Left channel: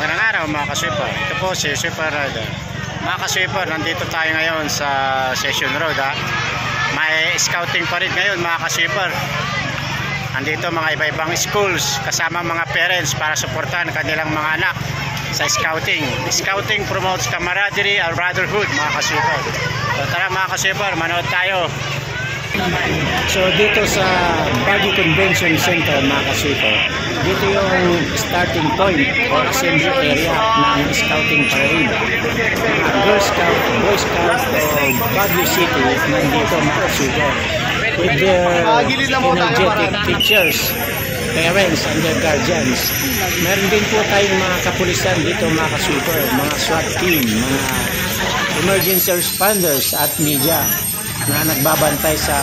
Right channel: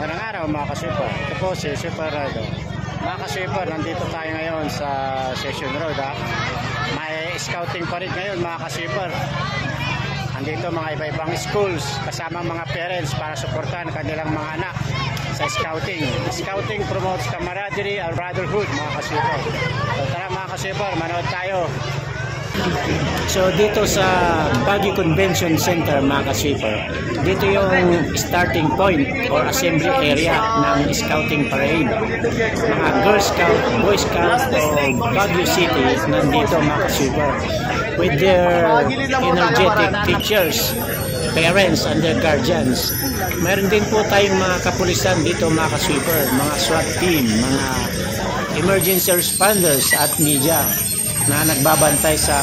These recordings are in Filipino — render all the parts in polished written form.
Magandang araw mga ka-sweeper. Ito po si Sweeper Rider. Mga ka-sweeper, nandito tayo ngayon sa Session Road ha. May scouting pa rin ngayon mga ka-sweeper. Andito mga iba-ibang schools kasama mga parents para suportahan kanilang mga anak sa scouting. Scouting promotes camaraderie and brotherhood mga ka-sweeper. So tara mga ka-sweeper, manood tayo. So dito sa Baguio Convention Center mga ka-sweeper, dito yung starting point or assembly area ng scouting parade. Mga Girl Scout, Boy Scout o Baguio City nandito mga ka-sweeper with their energetic teachers, parents and their guardians. Meron din po tayong mga kapulisan dito mga ka-sweeper, mga SWAT team, mga emergency responders at media na nagbabantay sa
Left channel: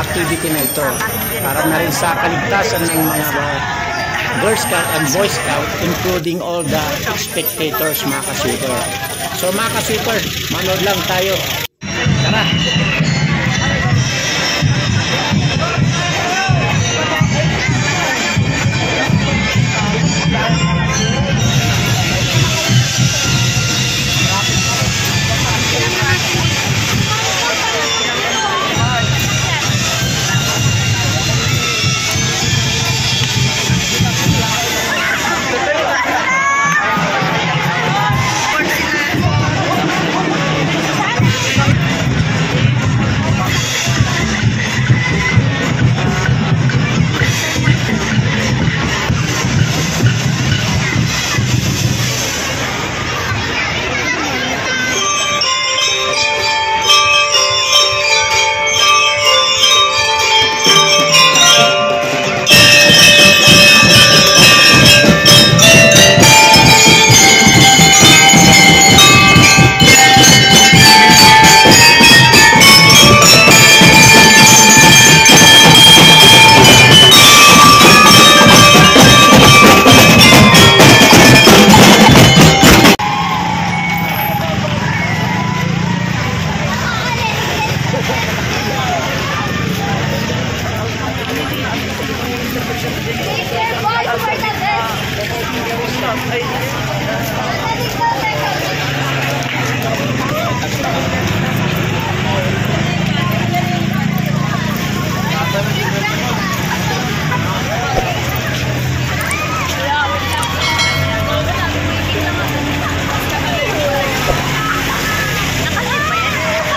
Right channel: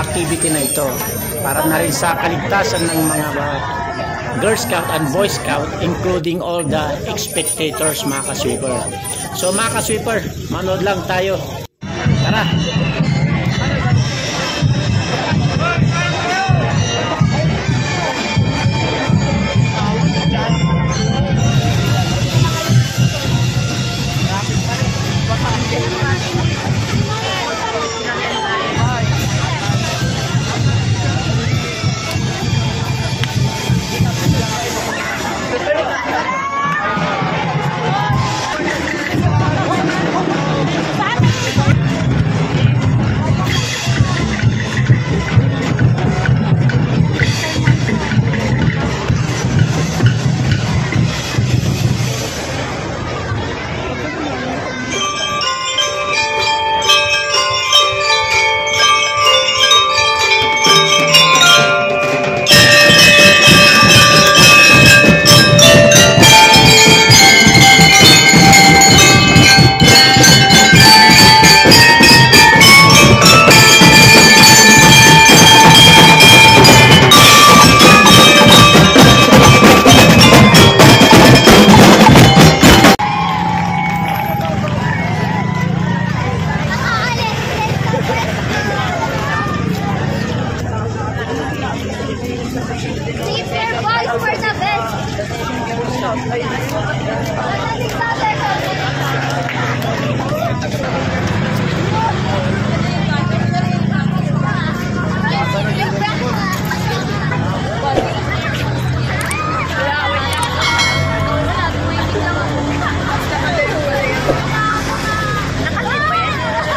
activity na ito para na rin sa kaligtasan ng mga Girl Scout and Boy Scout, including all the spectators mga ka-sweeper. So mga ka-sweeper, manood lang tayo. Tara!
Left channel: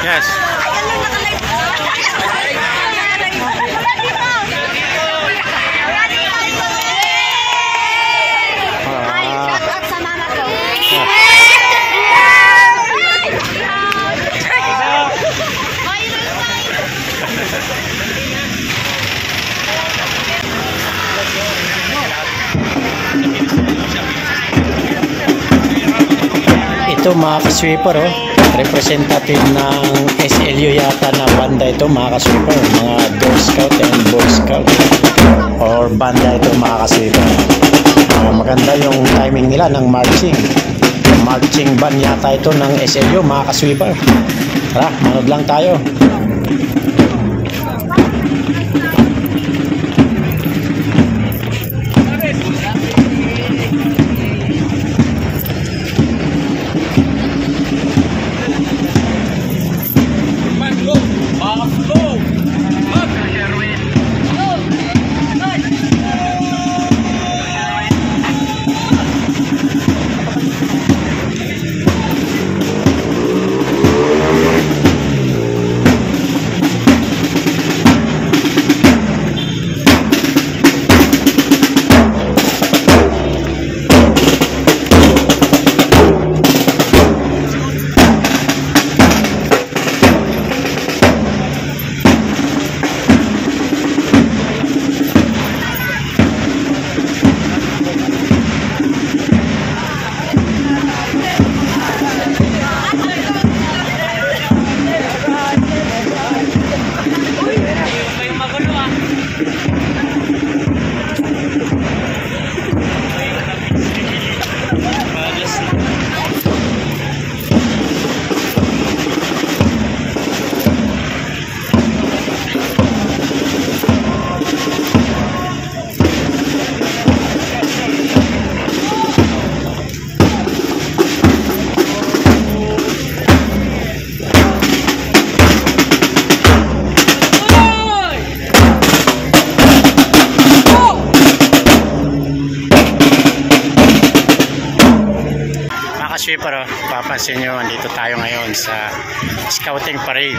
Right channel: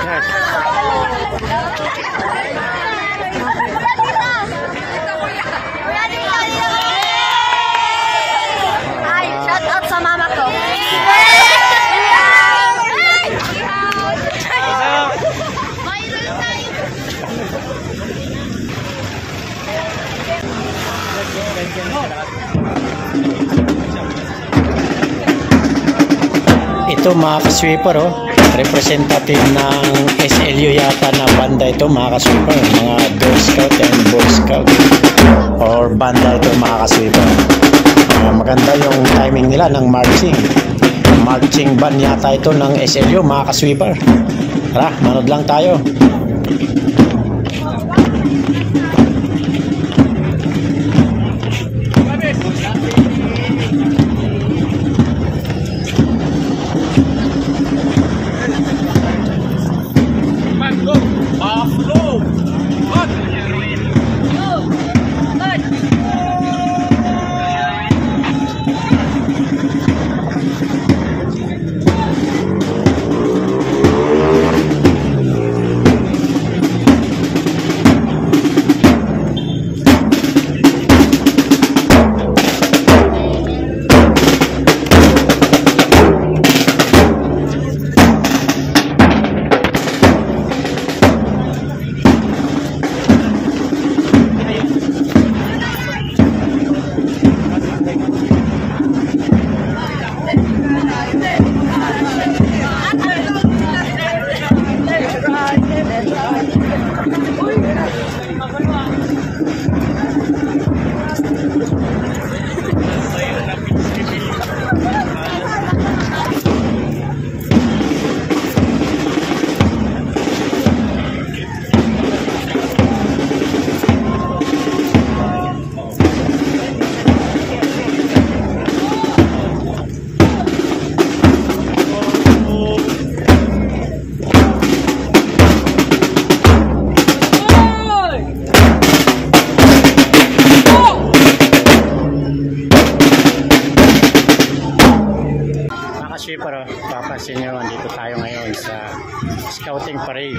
Yes. Shout out sa mama ko. Ito mga ka-sweeper representative ng SLU yata na banda ito mga ka-sweeper, mga Girl Scout and Boy Scout or banda ito mga ka-sweeper. Maganda yung timing nila ng marching band yata ito ng SLU mga ka-sweeper. Tara, manood lang tayo. ka-sweeper, papansin nyo, andito tayo ngayon sa scouting parade.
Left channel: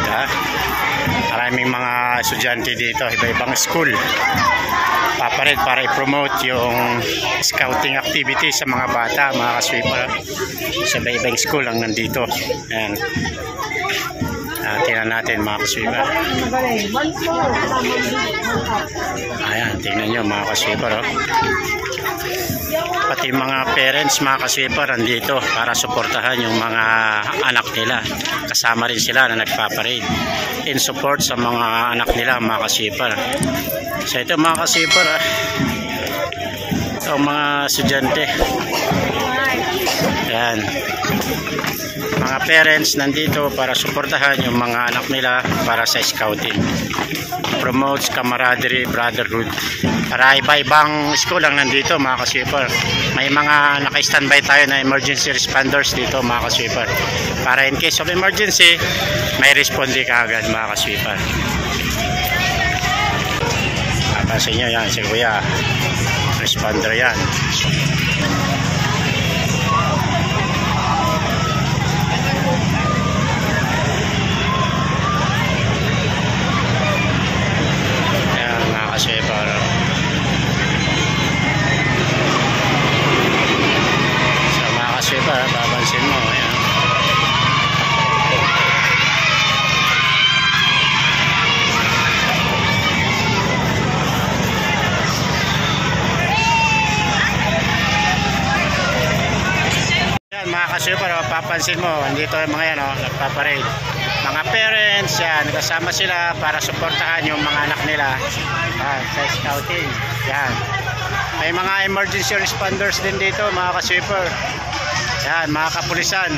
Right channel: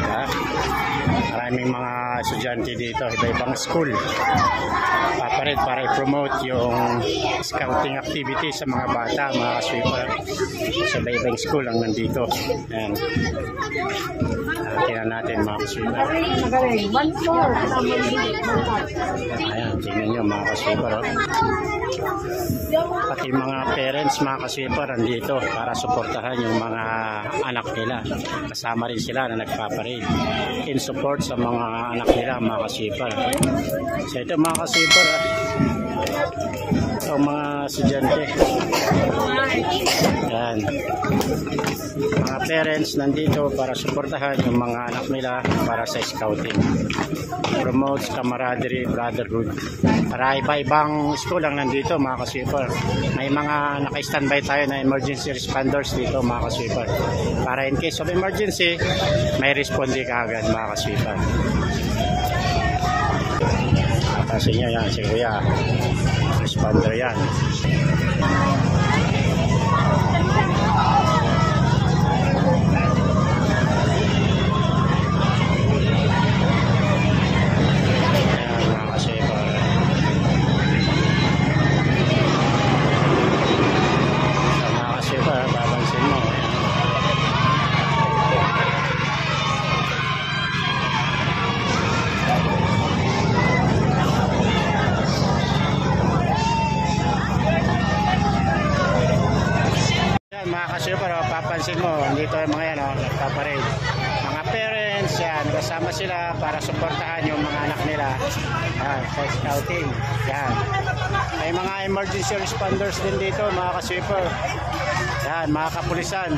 Maraming mga estudyante dito, iba-ibang school. Paparade para i-promote yung scouting activity sa mga bata, mga ka-sweeper. Sa iba-ibang school ang nandito. Ayan. Tingnan natin mga ka-sweeper. Ayan, tingnan nyo mga ka-sweeper. Pati mga parents, mga ka-sweeper, nandito para suportahan yung mga anak nila. Kasama rin sila na nagpaparade in support sa mga anak nila, mga ka-sweeper. So ito mga ka-sweeper, ito mga estudyante. Ayan. Mga parents nandito para suportahan yung mga anak nila para sa scouting. Promotes camaraderie, brotherhood. Para iba-ibang school lang nandito mga ka-sweeper. May mga naka-standby tayo na emergency responders dito mga ka-sweeper. Para in case of emergency, may responde ka agad mga ka-sweeper. Papansin nyo yan, si Kuya. Responder yan. Ayan mga ka-sweeper. Sweeper, babansin mo, ayan. Ayan mga ka-sweeper, papansin mo, andito yung mga yan, nagpaparade. Mga parents, yan, kasama sila para suportahan yung mga anak nila sa scouting. Yan. May mga emergency responders din dito mga ka-sweeper. Yan, mga kapulisan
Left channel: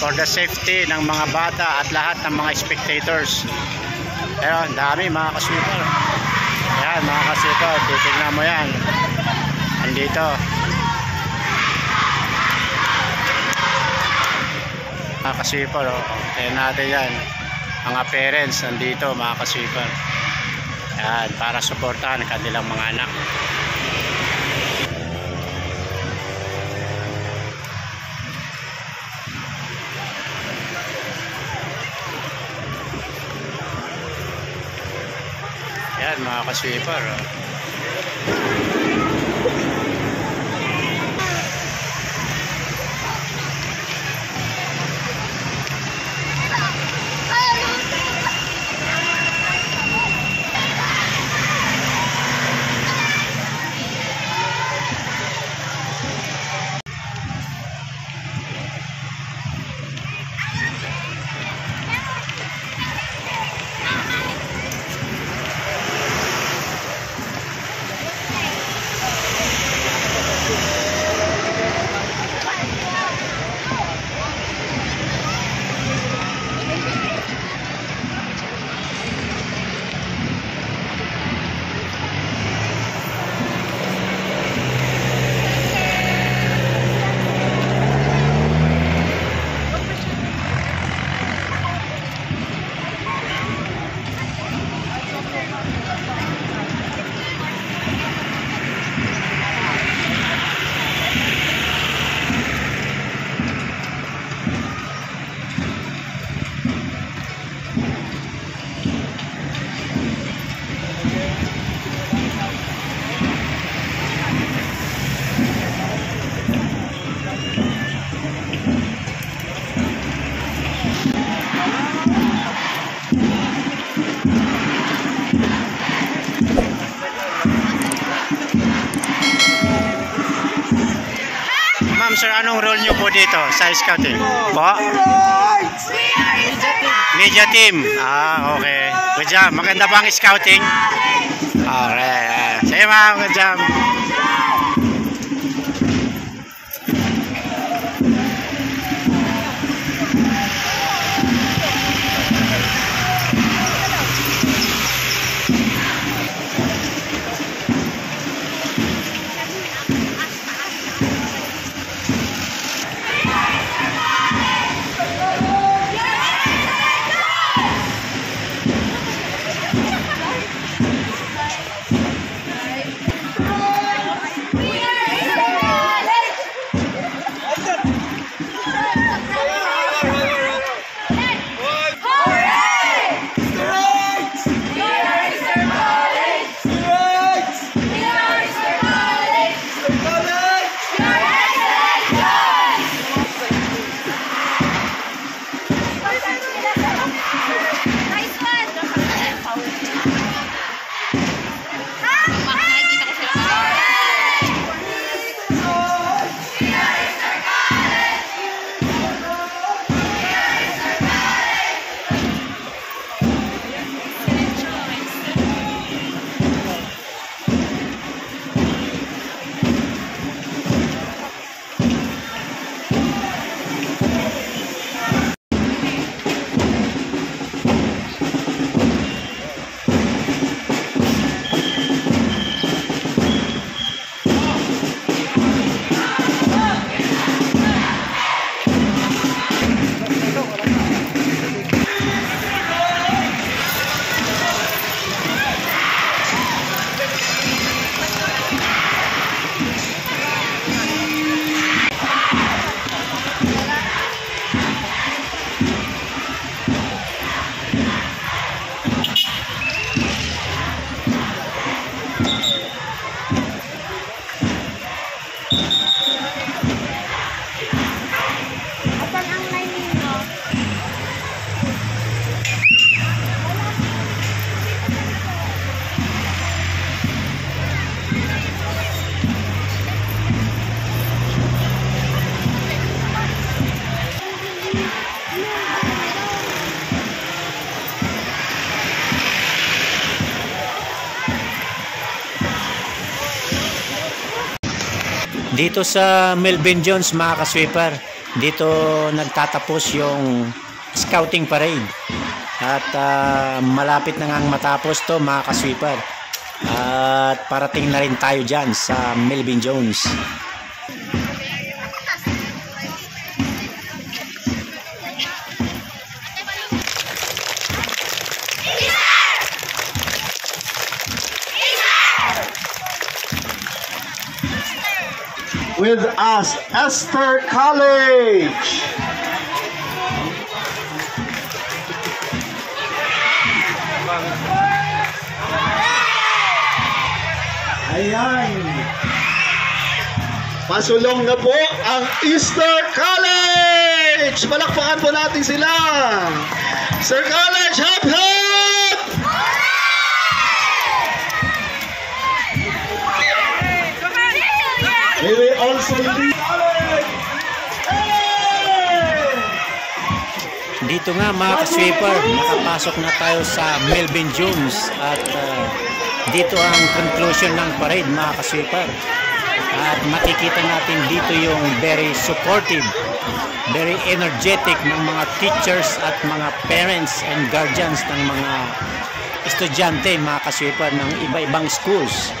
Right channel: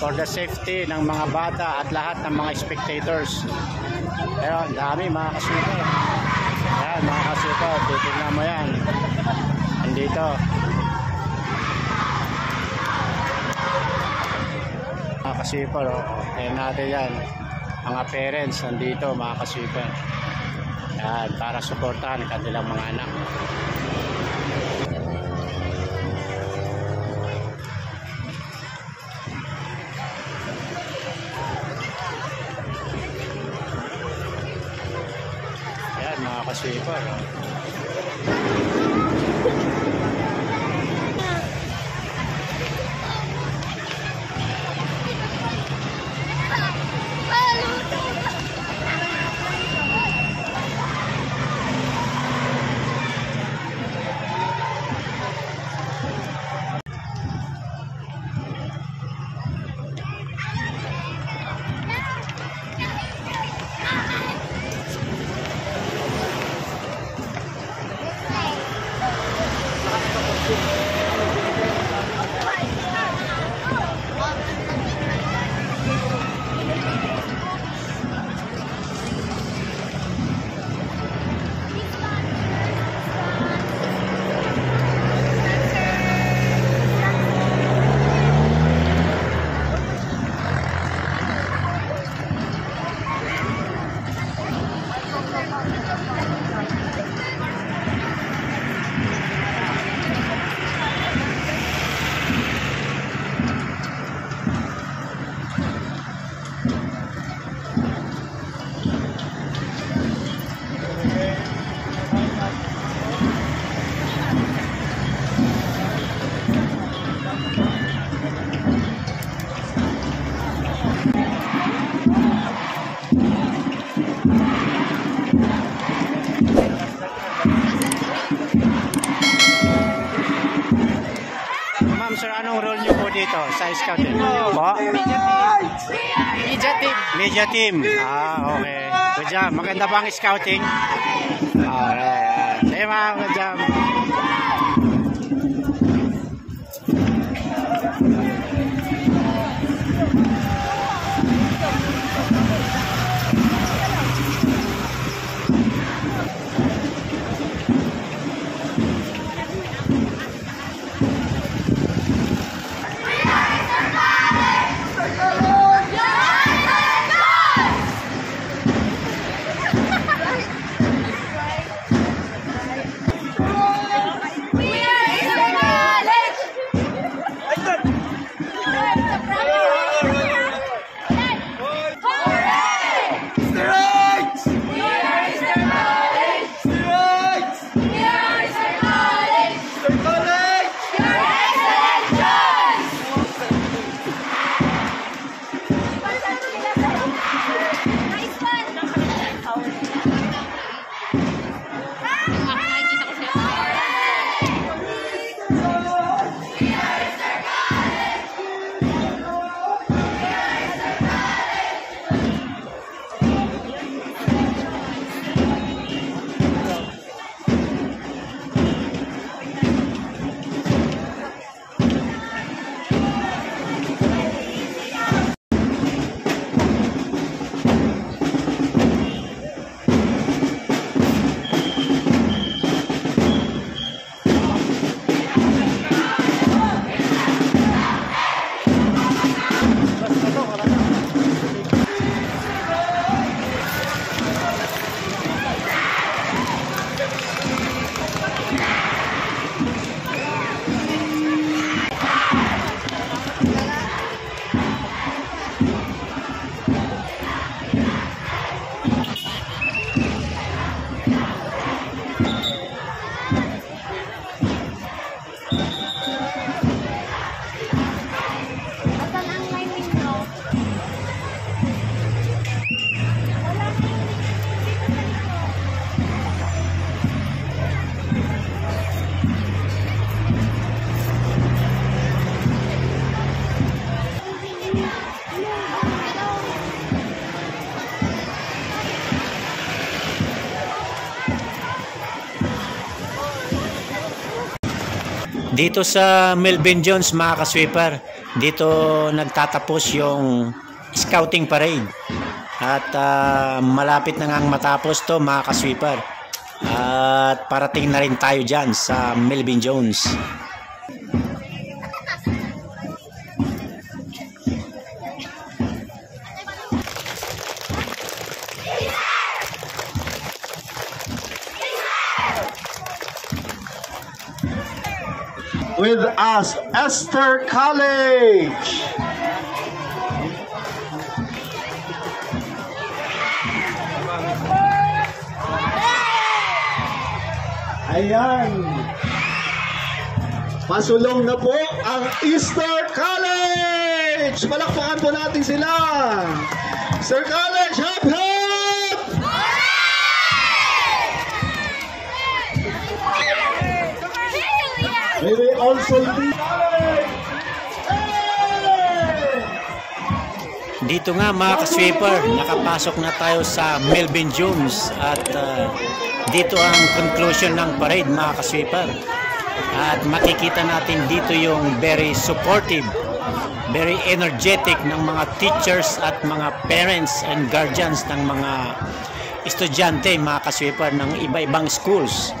for the safety ng mga bata at lahat ng mga spectators. Ayun, dami mga ka-sweeper. Yan, mga ka-sweeper, titignan mo yan. Andito. Mga ka-sweeper, tingnan natin yan. Mga parents nandito, mga ka-sweeper. Yan, para suportahan ang kanilang mga anak. Ayan mga ka-sweeper. Ma'am sir, anong role nyo po dito sa scouting? Po? Media team. Ah, okay. Good job. Maganda ba ang scouting? Okay. Sige ma'am, good job. Dito sa Melvin Jones mga ka-sweeper, dito nagtatapos yung scouting parade. At malapit na ngang matapos to mga ka-sweeper. At parating na rin tayo dyan sa Melvin Jones. With us, Esther College. Ayan. Pasulong na po ang Esther College. Palakpakan po natin sila. Sir College, hop hop! May we also be... Dito nga mga ka-sweeper, nakapasok na tayo sa Melvin Jones at dito ang conclusion ng parade mga ka-sweeper. At makikita natin dito yung very supportive, very energetic ng mga teachers at mga parents and guardians ng mga estudyante mga ka-sweeper ng iba-ibang schools.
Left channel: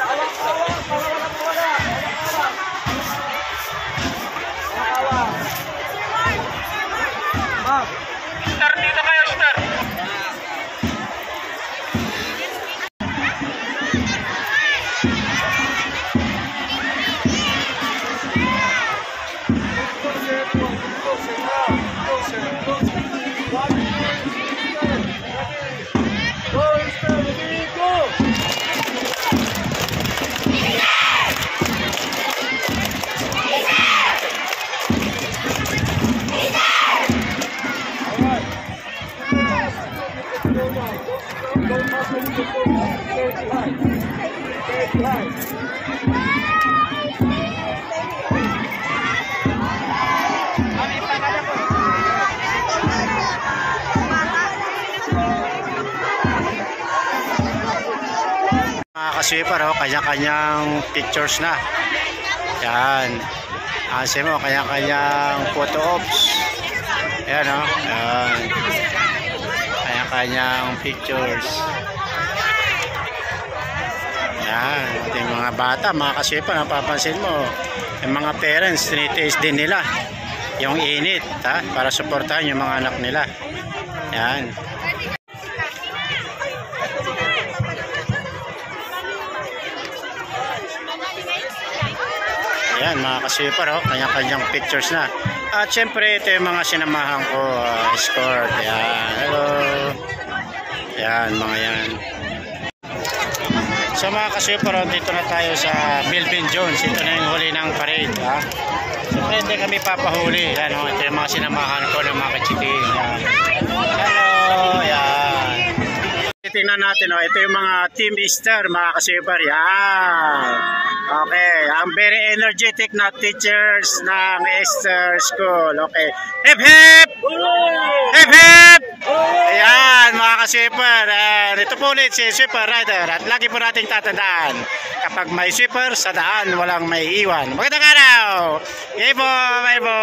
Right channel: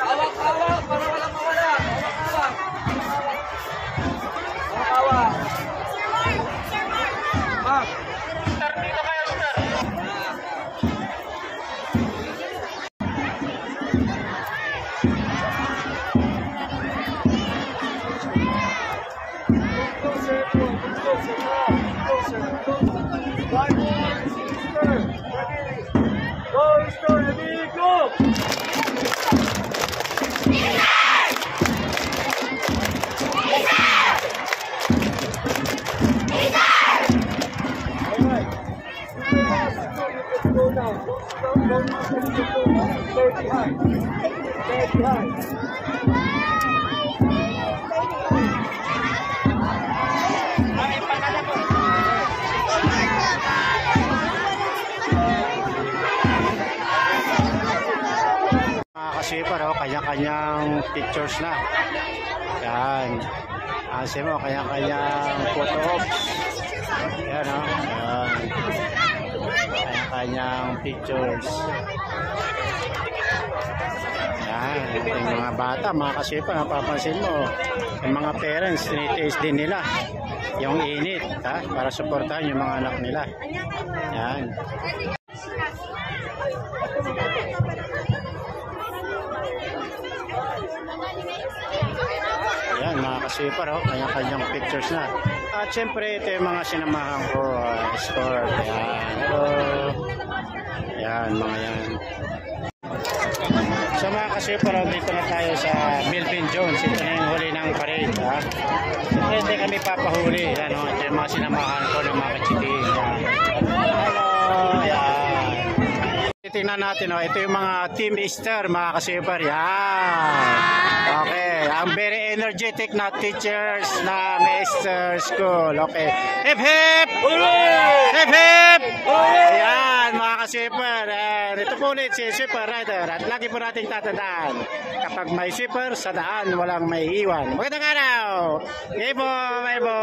Awak-awak para wala mawala. Awak-awak. Star, dito kayo, Star. Go, Star, go! Mga ka-sweeper, kanya-kanyang pictures na. Yan. Kasi mo, kanya-kanyang photo ops. Yan o. Yan. Kanya-kanyang pictures. Yan. Ating mga bata, mga ka-sweeper, napapansin mo. Yung mga parents, tinitiis din nila yung init, para suportahan yung mga anak nila. Yan. Yan mga ka-sweeper, kanya-kanyang pictures na. At syempre ito yung mga sinamahan ko, escort. Yan, hello. Yan, mga yan. So mga ka-sweeper, dito na tayo sa Melvin Jones. Ito na yung huli ng parade. Syempre hindi kami papahuli. Yan, ito yung mga sinamahan ko ng mga kachitin. Yan. Hello, yan. Tingnan natin, ito yung mga Team Easter mga ka-sweeper. Yan. Okay, ang very energetic na teachers ng Easter School. Okay. Hip hip! Hip hip! Ayan mga ka-sweeper. Ito po ulit si Sweeper Rider. At lagi po nating tatandaan, kapag may sweeper sa daan, walang may iwan. Magandang araw! Yay po! Bye po!